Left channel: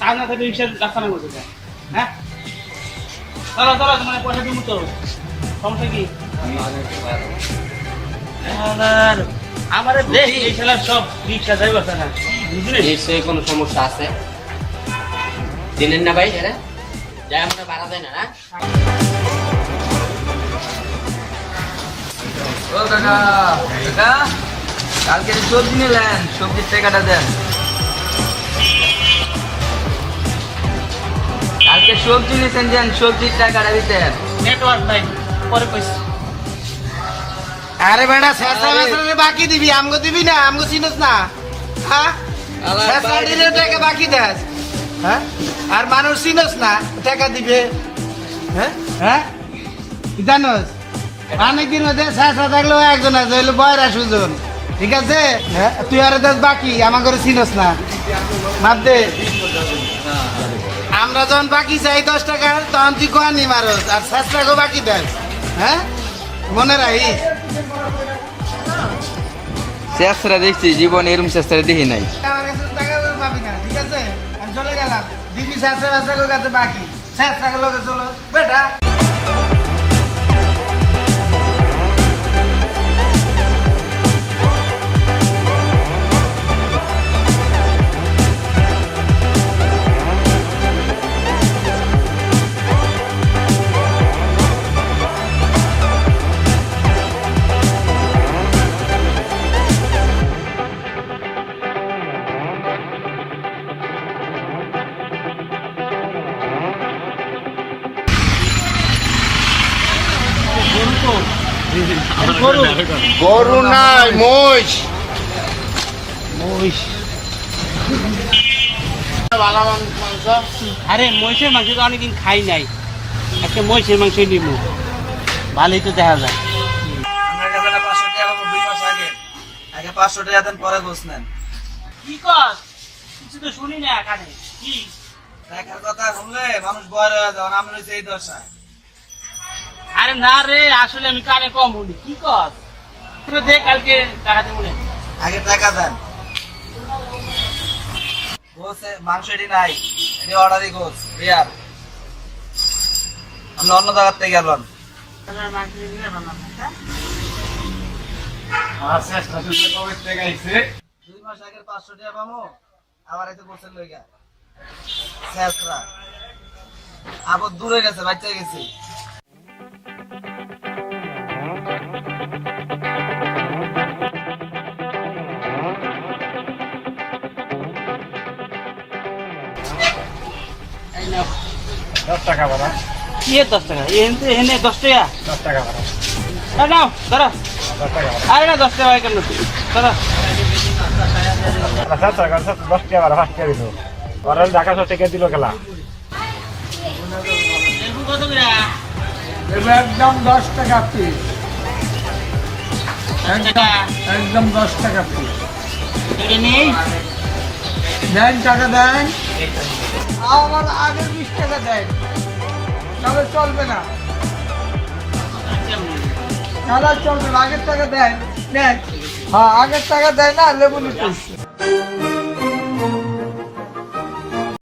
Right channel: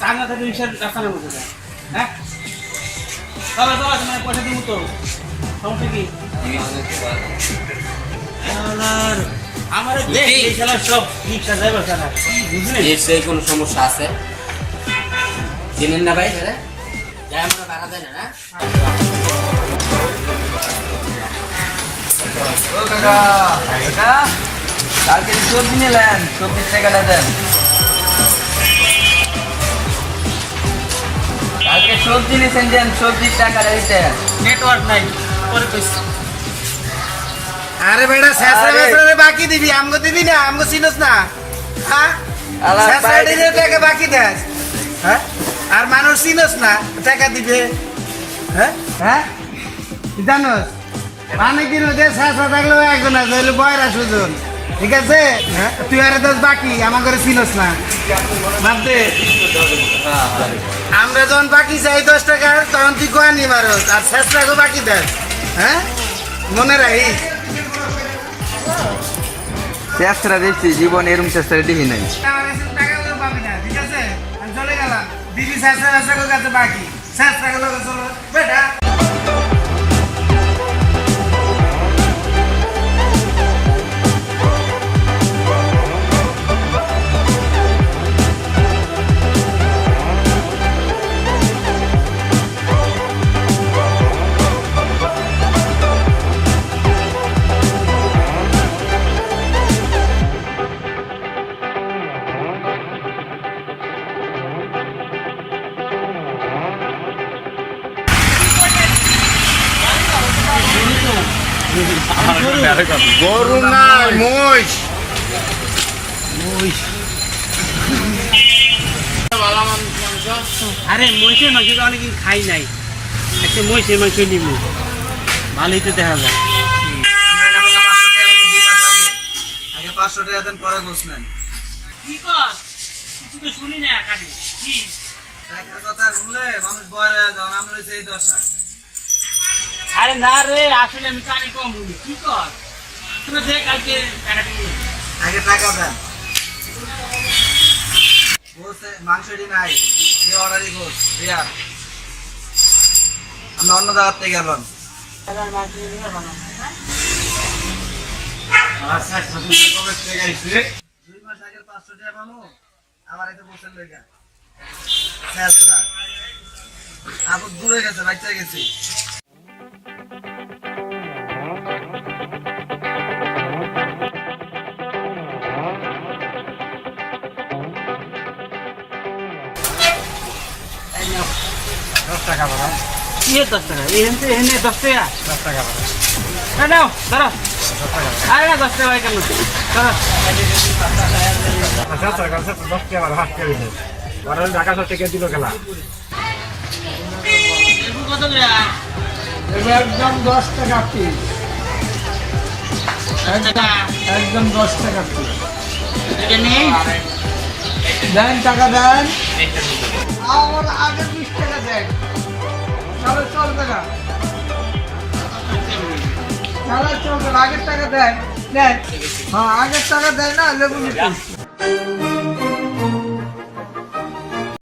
চাকনা থাকলে রিক্সার রাস্তা নেই বলতে হ্যাঁ চলো চলো তোমার পয়সা দিব তো সমস্যা কি আমার দেখি এখানে সব রিক্সা ড্রাইভার কেনা নিশ্চয়ই কোনো সমস্যা আছে চেনেন না ভাই হ্যাঁ যাই আমরা ভাড়া দেয় না ও কাকা কাকা কালকে সবজি নিলেন সবজির টাকাটা দেন কালকে সবজি নিয়েছেন দেন সবজির টাকাটা দিতেন নেটওয়ার্ক নাই পরে কইছি আরে বেটা শেষরা মেসরা বাকি দিবি আমগো দিবি না আমগো চিনস না হ্যাঁ শেষরা দিলে টাকা বাকি দেস হ্যাঁ আর মানুষ চিনস না টাকা দিবে হ্যাঁ হ্যাঁ জানোস অনেকদিন মধ্যে শেষরা থাকলেও একজন আছে হইলো বয়রা সুজন ঠিক আছে হ্যাঁ তুই আরে দোষ বাকি আমার ঘরে চিনস না ভাবতে আমরা যখন বাকি চাই 10 টাকা তখন তুই কোয়ানি মারস আর শেষরাকে বাকি দেস হ্যাঁ মনে রাখিস চেষ্টা দেখছি জীবন এরম চেষ্টা দেখি নাই আমার কাছে টাকা পাবি না ঠিক আছে আমি চলে গেলাম দিবি শেষরা কাছে বাকি শেষরাকে লোকে চলো বেটা গরু নাই মহিষ আরে মহিষের মাংস তো অনেকদিন খাই নাই একটা মহিষের মাংস নিব ভালোই তো দেখা যায় আগে 500 টাকা দেন পরে গোছ নেন কি কর কিছু তো শুনি না কানে কি টাকার কথা শুনলে মানুষ বড় হয়ে যাও আমরা সেই দশা আরে না রে আসলে আমি কানে কম বলি কি কর তুই দেখ কালকে টাকা দিব আগে টাকা দেন গোছে মাংসটি নাই যে অর্ডারই গোছ রিয়ার আমরা অন্য জায়গার থেকে গেলাম দুই মাস আগে 500 টাকা পাবো আবার এতে গোছের লইগা শেষরা আবার দূরে গেছে বাচ্চা গেছে কি 10 টাকা এনে এনে 10 টাকা 10 টাকা ভাড়া নাও ধরো আরে না 10 টাকা কেন ধরো ঢাকা শহর থেকে দিল খেলা কত করে একদম 10 টাকা পিস একদম 10 টাকা পিস এটা নেই দেন টাকা দেন আমার আগের 20 টাকা দেন তাহলে চলবে না তাহলে চলবে না আগের টাকা দেন দেন হ্যাঁ আগের টাকা দেয় না লেবু নিতে